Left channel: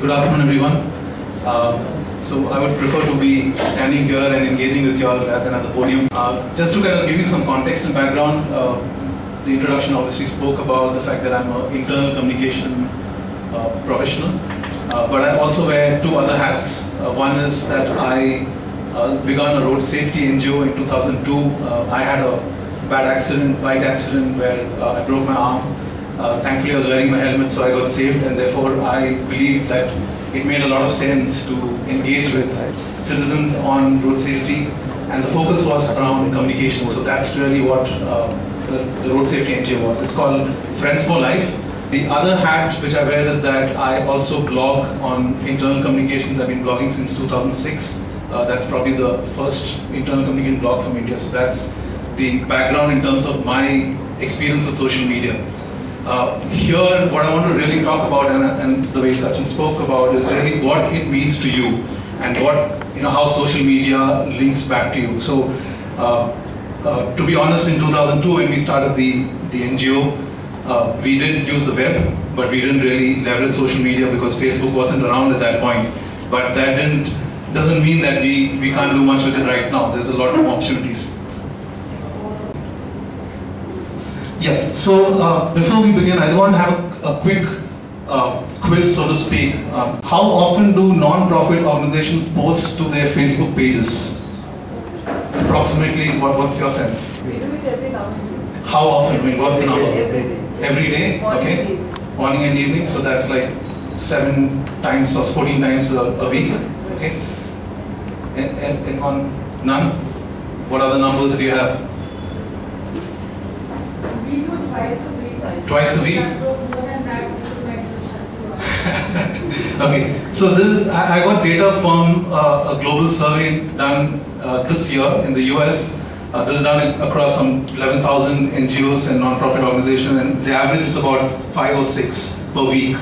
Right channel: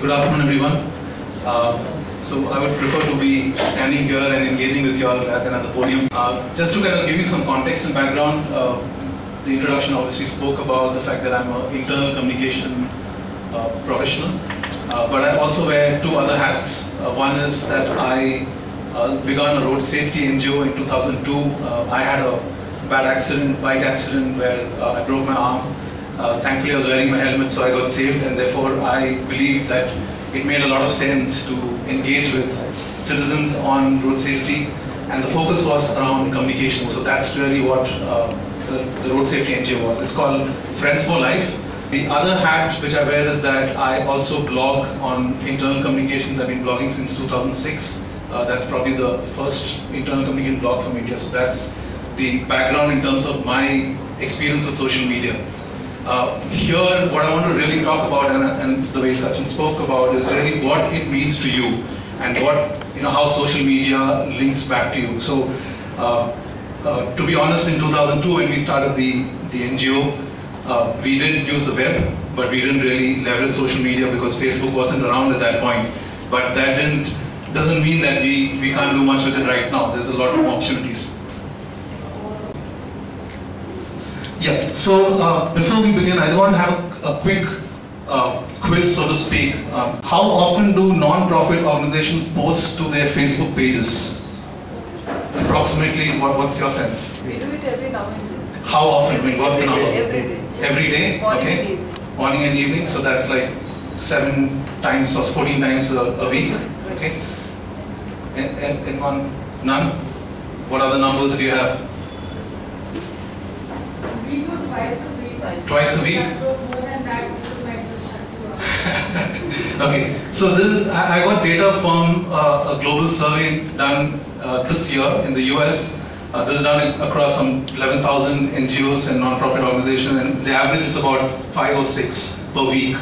Good afternoon, everyone. So I would prefer to be standing here and engaging with you all rather than at the podium. Just to kind of give you some context and background, the introduction obviously spoke about the fact that I'm an internal communication professional, but I also wear two other hats. One is that I began a road safety NGO in 2002. I had a bad accident, bike accident, where I broke my arm. Thankfully I was wearing my helmet, so I got saved, and therefore I believe that it made a lot of sense to engage with citizens on road safety, and the focus was around communication. So that's really what the road safety NGO was. It's called Friends for Life. The other hat which I wear is that I also blog on internal communications. I've been blogging since 2006. That's probably the first internal communication blog from India. So that's the background in terms of my experience with social media. Here, what I want to really talk about, and the way Sachin spoke about, is really what it means to you, and what, how social media links back to you. So, to be honest, in 2002, when we started the NGO, we did use the web, but we didn't really leverage social media because Facebook wasn't around at that point. But that doesn't mean that we can't do much with it right now. There's a lot of opportunities. Yeah, so before we begin, I want to have a quick quiz, so to speak. How often do non-profit organizations post to their Facebook pages? Approximately, what's your sense? We do it every now and then. How often? I mean, what's the number? Every day. Every day? Morning Okay. and evening. Morning and evening, so that's like 7 times or 14 times a week. Okay. And none? What other numbers do you have? We do twice a week. Twice a week? More than that, we might just have to Okay, so I got data from a global survey done this year in the US. This is done across some 11,000 NGOs and non-profit organizations, and the average is about 5 or 6 per week.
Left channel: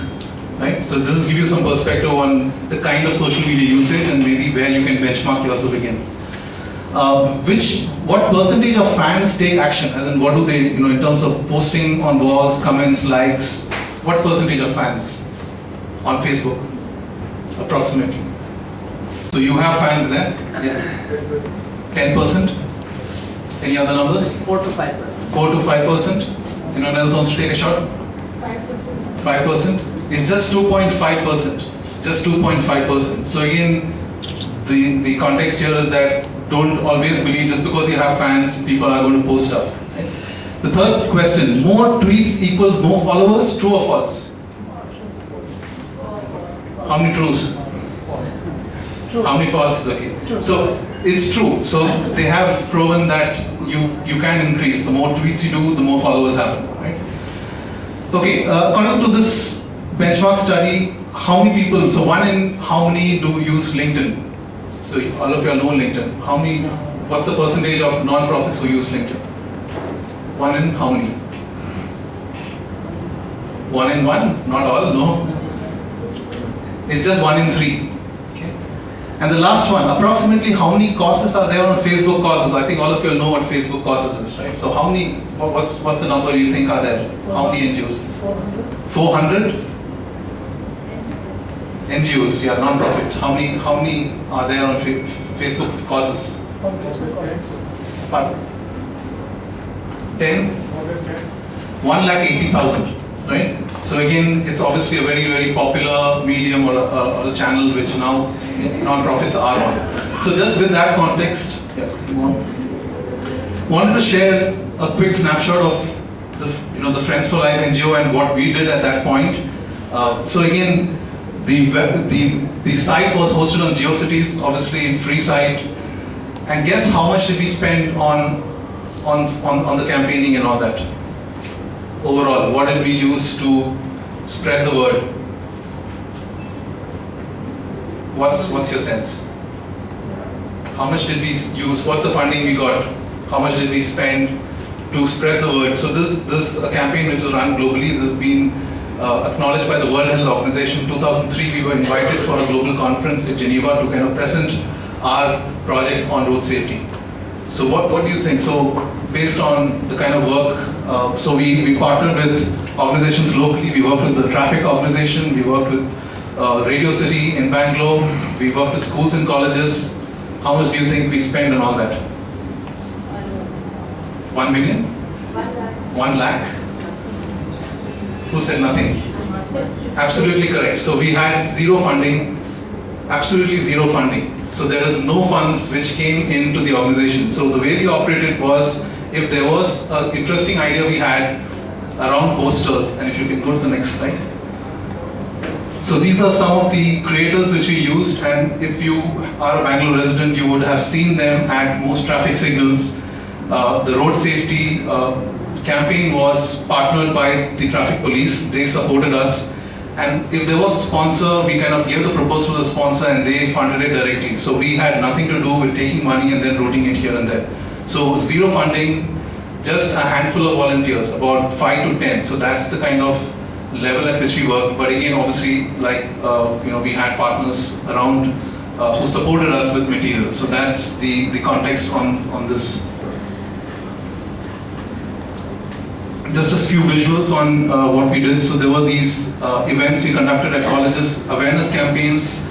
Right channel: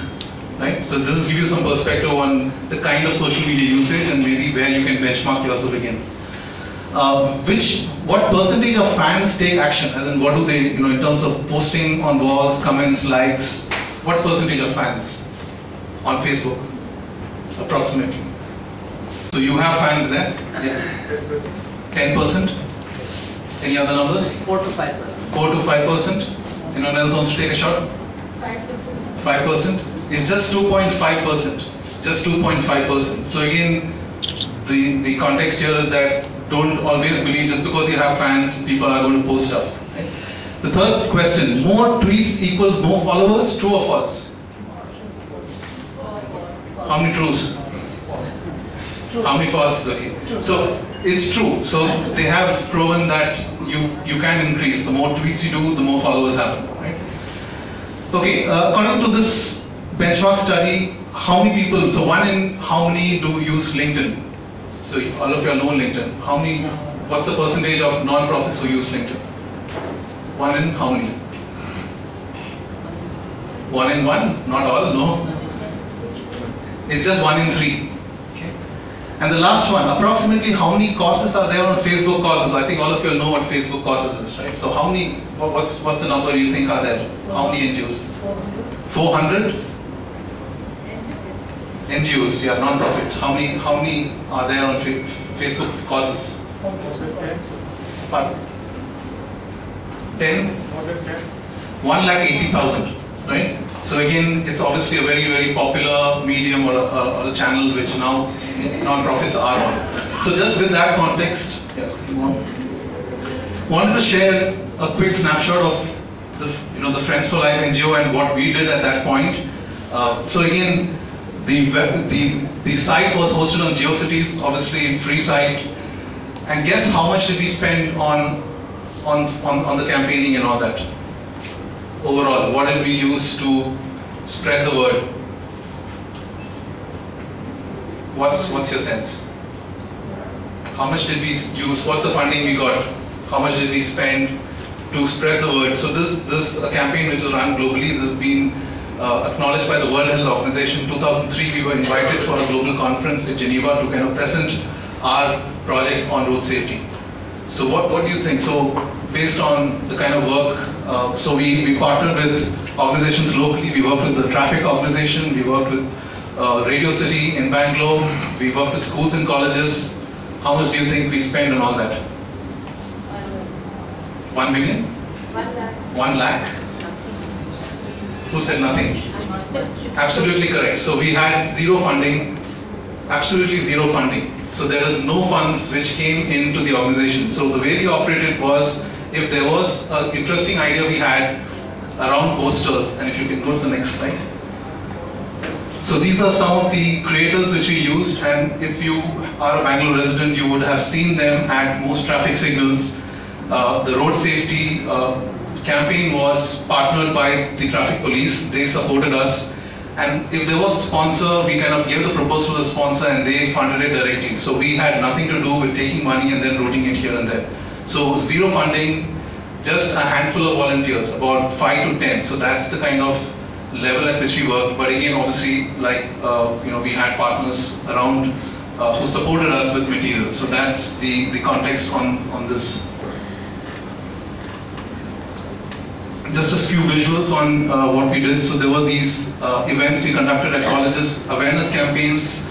Right? So this will give you some perspective on the kind of social media usage and maybe where you can benchmark yourself against. What percentage of fans take action? As in, what do they, in terms of posting on walls, comments, likes? What percentage of fans on Facebook, approximately? So you have fans there? Yeah. 10%? Any other numbers? 4 to 5%. 4 to 5%? Anyone else wants to take a shot? 5%. 5%? It's just 2.5%. Just 2.5%. So again, the context here is that don't always believe just because you have fans, people are going to post stuff. Right? The third question, more tweets equals more followers, true or false? How many trues? True. How many false? Okay. So it's true. So they have proven that you can increase. The more tweets you do, the more followers happen. Right? Okay. According to this benchmark study, how many people? So one in how many do use LinkedIn? So all of you all know LinkedIn. How many? What's the percentage of non-profits who use LinkedIn? One in how many? 1 in 1? Not all. No. It's just 1 in 3. Okay. And the last one, approximately how many causes are there on Facebook causes? I think all of you know what Facebook causes is, right? So how many? What's the number you think are there? How many NGOs? 400. NGOs, yeah, non-profit. How many are there on Facebook causes? 10? 180,000, right? So again, it's obviously a very, very popular medium or a channel which now non-profits are on. So just with that context, yeah, wanted to share a quick snapshot of the Friends for Life NGO and what we did at that point. So again, the site was hosted on GeoCities, obviously free site. And guess how much did we spend on the campaigning and all that? Overall, what did we use to spread the word? What's your sense? How much did we use? What's the funding we got? How much did we spend to spread the word? So this a campaign which is run globally. This has been acknowledged by the World Health Organization. In 2003, we were invited for a global conference in Geneva to kind of present our project on road safety. So what do you think? So based on the kind of work, so we partnered with organizations locally. We worked with the traffic organization. We worked with Radio City in Bangalore. We worked with schools and colleges. How much do you think we spend on all that? 1 million? 1 lakh. 1 lakh? Who said nothing? Absolutely correct. So we had zero funding, absolutely zero funding. So there is no funds which came into the organization. So the way we operated was, if there was an interesting idea we had around posters, and if you can go to the next slide. So these are some of the creators which we used, and if you are a Bangalore resident, you would have seen them at most traffic signals. The road safety campaign was partnered by the traffic police. They supported us. And if there was a sponsor, we kind of gave the proposal to the sponsor and they funded it directly. So we had nothing to do with taking money and then routing it here and there. So zero funding, just a handful of volunteers, about 5 to 10. So that's the kind of level at which we work. But again, obviously, like we had partners around who supported us with material. So that's the context on this. Just a few visuals on what we did. So there were these events we conducted at colleges, awareness campaigns.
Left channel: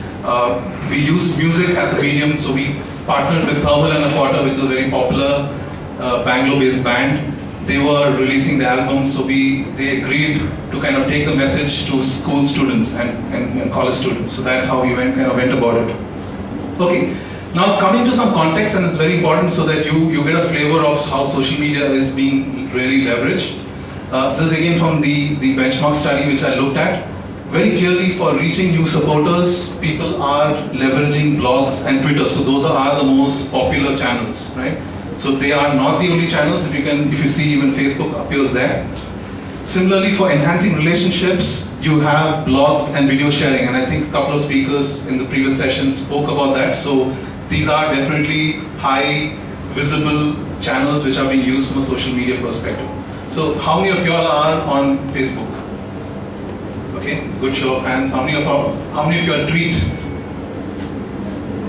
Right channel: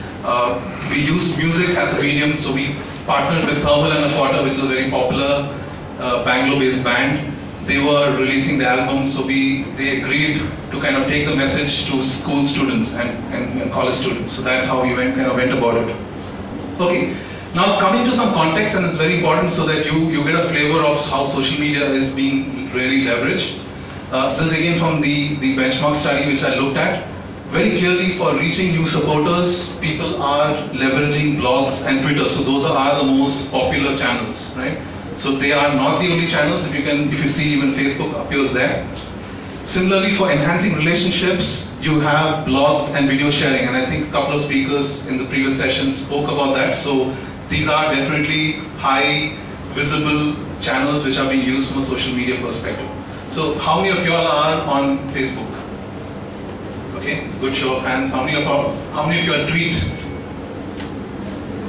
We used music as a medium. So we partnered with Thermal and a Quarter, which is a very popular Bangalore-based band. They were releasing the album, so they agreed to kind of take the message to school students and college students. So that's how we went about it. Okay, now coming to some context, and it's very important so that you get a flavor of how social media is being really leveraged. This is again from the benchmark study which I looked at. Very clearly, for reaching new supporters, people are leveraging blogs and Twitter. So those are the most popular channels, right? So they are not the only channels. If you see, even Facebook appears there. Similarly, for enhancing relationships, you have blogs and video sharing, and I think a couple of speakers in the previous session spoke about that. So these are definitely high visible channels which are being used from a social media perspective. So how many of you all are on Facebook? Okay, good show of hands. How many of you are tweet?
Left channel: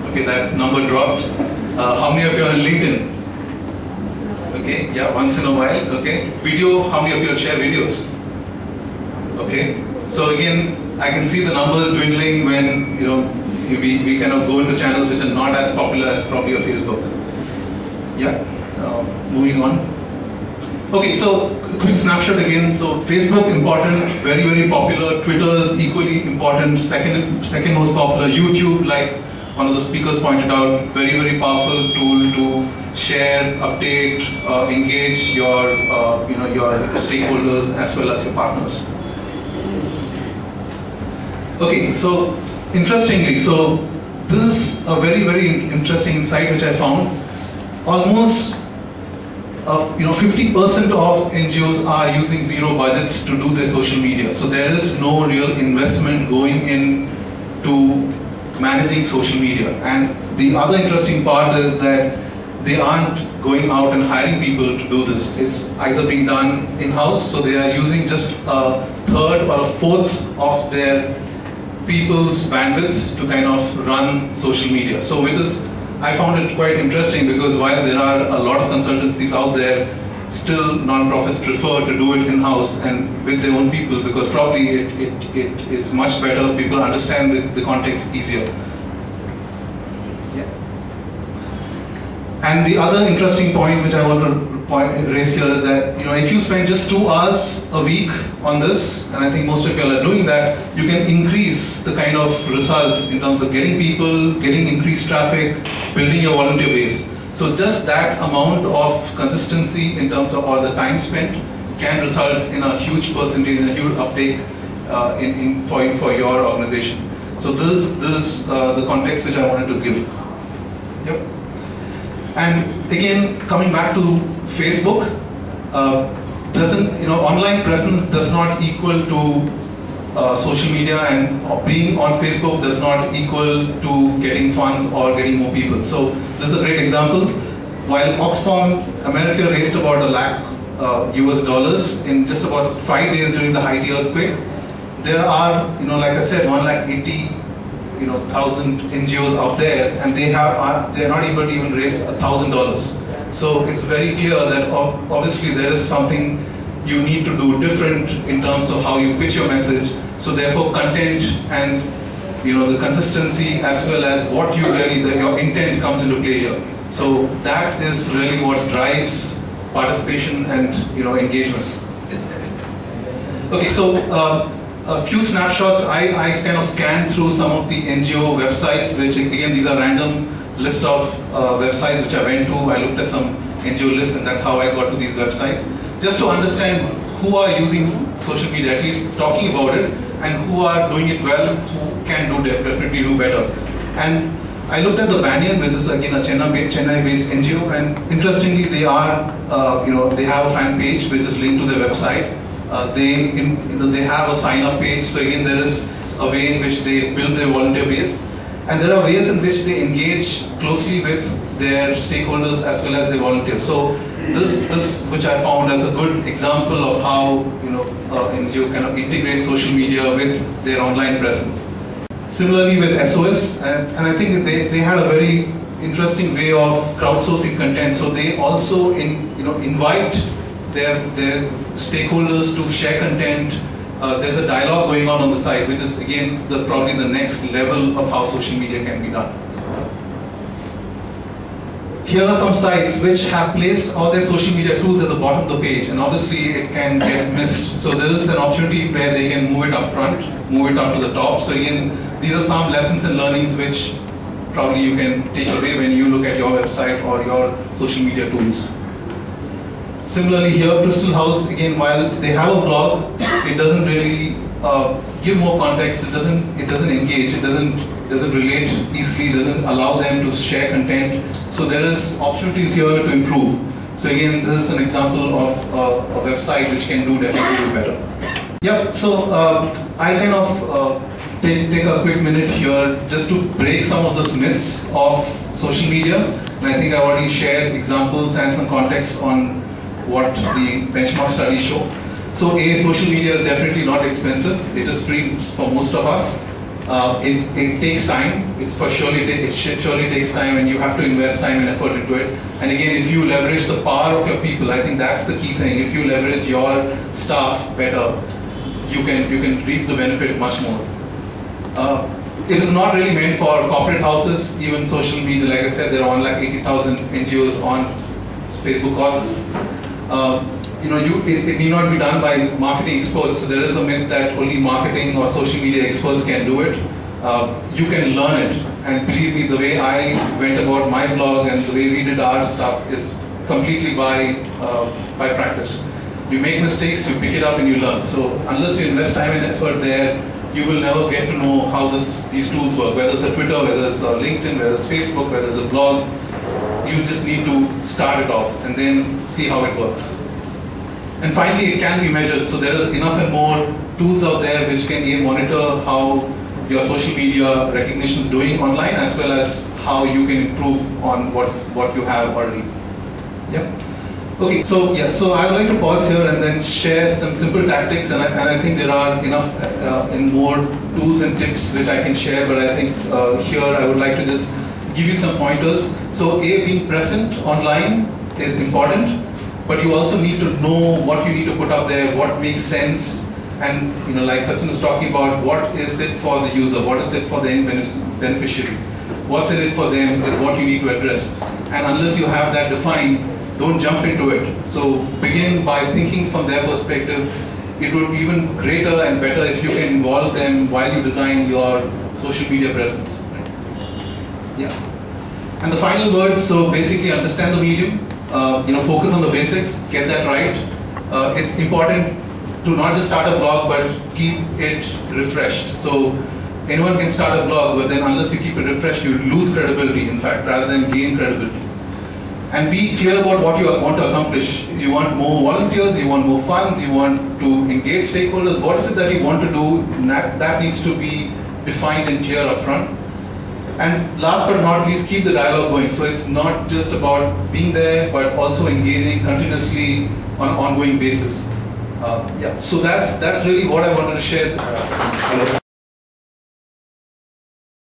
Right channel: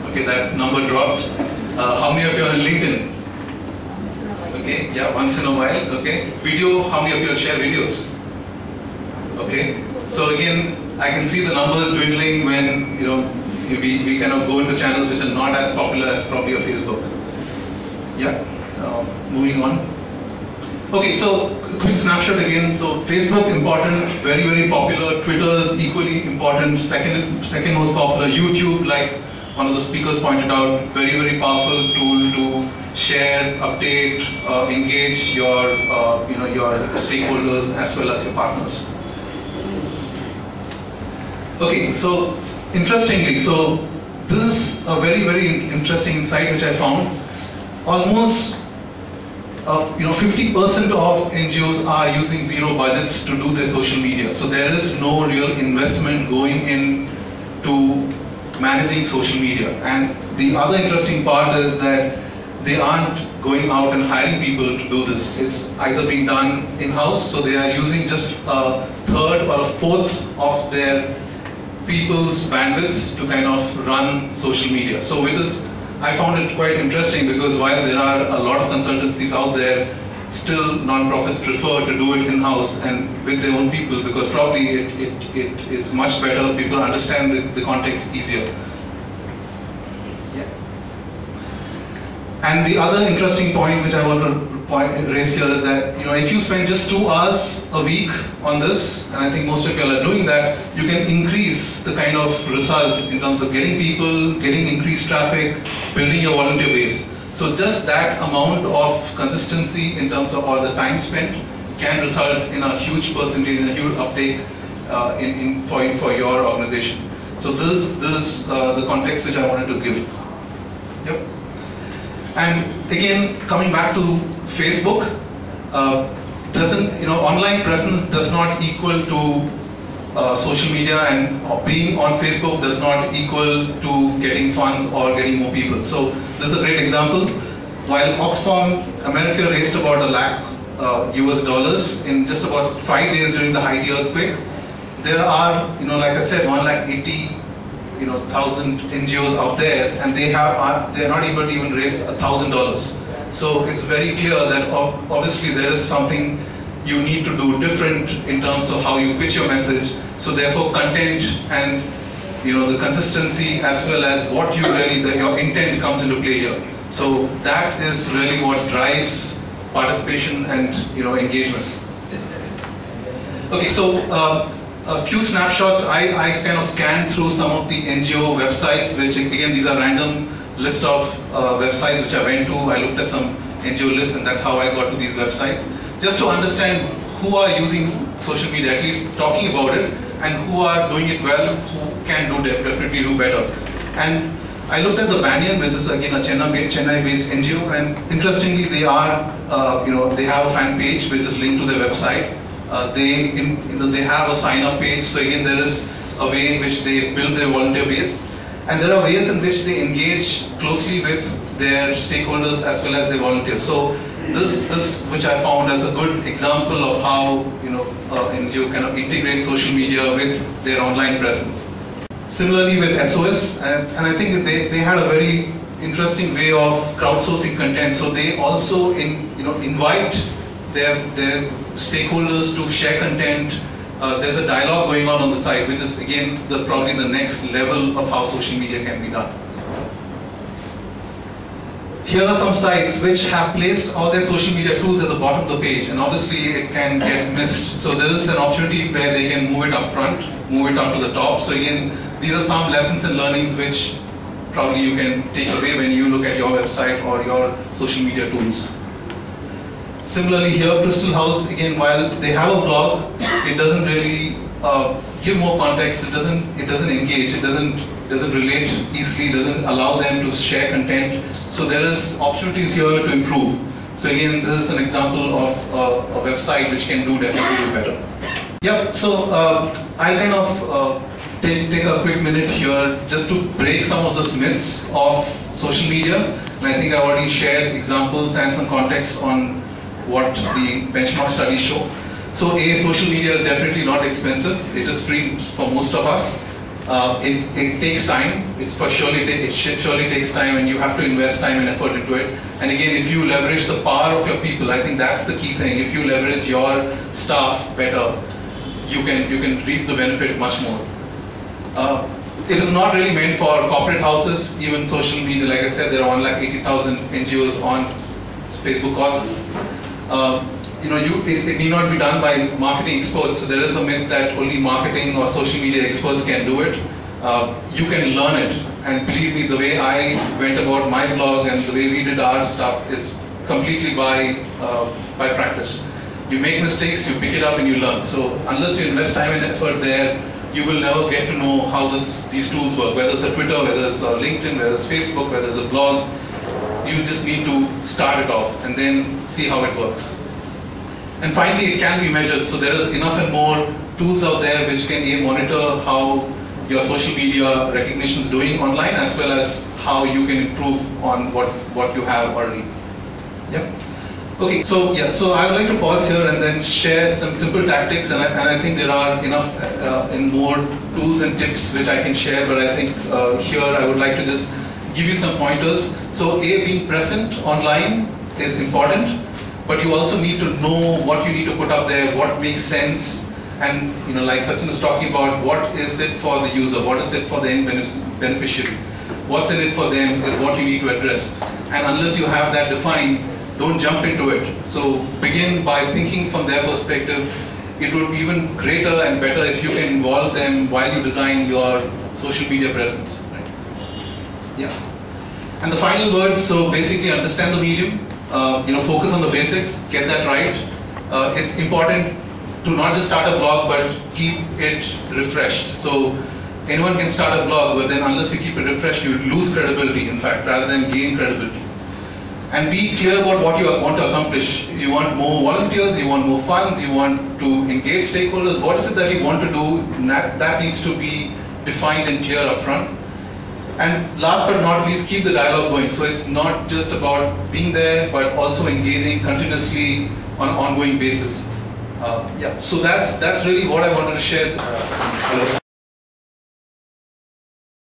Okay, that number dropped. How many of you are on LinkedIn? Okay, yeah, once in a while. Okay, video. How many of you share videos? Okay, so again, I can see the numbers dwindling when we kind of go into channels which are not as popular as probably a Facebook. Yeah, moving on. Okay, so quick snapshot again. So Facebook important, very very popular. Twitter is equally important. Second most popular. YouTube, like one of the speakers pointed out, very very powerful tool to share, update, engage your your stakeholders as well as your partners. Okay, so interestingly, so this is a very very interesting insight which I found. Almost 50% of NGOs are using zero budgets to do their social media. So there is no real investment going in to managing social media. And the other interesting part is that they aren't going out and hiring people to do this. It's either being done in-house, so they are using just a third or a fourth of their people's bandwidth to kind of run social media. So which is, I found it quite interesting, because while there are a lot of consultancies out there, still non-profits prefer to do it in-house and with their own people, because probably it's much better, people understand the context easier. Yeah. And the other interesting point which I want to raise here is that if you spend just 2 hours a week on this, and I think most of you are doing that, you can increase the kind of results in terms of getting people, getting increased traffic, building your volunteer base. So just that amount of consistency in terms of all the time spent can result in a huge percentage, in a huge uptake for your organization. So this is the context which I wanted to give. Yep. And again, coming back to Facebook, online presence does not equal to social media, and being on Facebook does not equal to getting funds or getting more people. So this is a great example. While Oxfam America raised about $1 lakh US in just about 5 days during the Haiti earthquake, there are, like I said, 180,000 NGOs out there, and they are not able to even raise $1,000. So it's very clear that obviously there is something you need to do different in terms of how you pitch your message. So therefore content and the consistency as well as what you really, your intent comes into play here. So that is really what drives participation and engagement. Okay, so a few snapshots. I kind of scanned through some of the NGO websites, which again these are random list of websites which I went to. I looked at some NGO lists, and that's how I got to these websites, just to understand who are using social media, at least talking about it, and who are doing it well, who can definitely do better. And I looked at the Banyan, which is again a Chennai-based NGO, and interestingly, they are, they have a fan page which is linked to their website. They have a sign-up page. So again, there is a way in which they build their volunteer base, and there are ways in which they engage closely with their stakeholders as well as their volunteers. So this which I found as a good example of how NGO kind of integrates social media with their online presence. Similarly with SOS, and I think they had a very interesting way of crowdsourcing content. So they also invite their stakeholders to share content. There's a dialogue going on the site, which is again probably the next level of how social media can be done. Here are some sites which have placed all their social media tools at the bottom of the page, and obviously it can get missed. So there is an opportunity where they can move it up front, move it up to the top. So again, these are some lessons and learnings which probably you can take away when you look at your website or your social media tools. Similarly here, Crystal House, again, while they have a blog, it doesn't really give more context. It doesn't engage. It doesn't relate easily. It doesn't allow them to share content. So there is opportunities here to improve. So again, this is an example of a website which can definitely do better. Yeah. So I kind of take a quick minute here just to break some of the myths of social media. And I think I already shared examples and some context on what the benchmark studies show. So social media is definitely not expensive. It is free for most of us. It takes time. It surely takes time, and you have to invest time and effort into it. And again, if you leverage the power of your people, I think that's the key thing. If you leverage your staff better, you can reap the benefit much more. It is not really meant for corporate houses. Even social media, like I said, there are 180,000 NGOs on Facebook causes. It need not be done by marketing experts. So there is a myth that only marketing or social media experts can do it. You can learn it, and believe me, the way I went about my blog and the way we did our stuff is completely by practice. You make mistakes, you pick it up, and you learn. So unless you invest time and effort there, you will never get to know how these tools work. Whether it's a Twitter, whether it's a LinkedIn, whether it's Facebook, whether it's a blog, you just need to start it off and then see how it works. And finally, it can be measured. So there is enough and more tools out there which can monitor how your social media recognition is doing online, as well as how you can improve on what you have already. Yep. Okay, so yeah, so I would like to pause here and then share some simple tactics, and I think there are enough and more tools and tips which I can share, but I think here I would like to just give you some pointers. So being present online is important, but you also need to know what you need to put up there, what makes sense, and like Sachin was talking about, what is it for the user, what is it for the end beneficiary, what's in it for them is what you need to address. And unless you have that defined, don't jump into it. So begin by thinking from their perspective. It would be even greater and better if you can involve them while you design your social media presence. Right? Yeah. And the final word, so basically understand the medium, focus on the basics, get that right. It's important to not just start a blog, but keep it refreshed. So anyone can start a blog, but then unless you keep it refreshed, you lose credibility, in fact, rather than gain credibility. And be clear about what you want to accomplish. You want more volunteers, you want more funds, you want to engage stakeholders. What is it that you want to do? That needs to be defined and clear up front. And last but not least, keep the dialogue going. So it's not just about being there, but also engaging continuously on an ongoing basis. Yeah. So that's really what I wanted to share.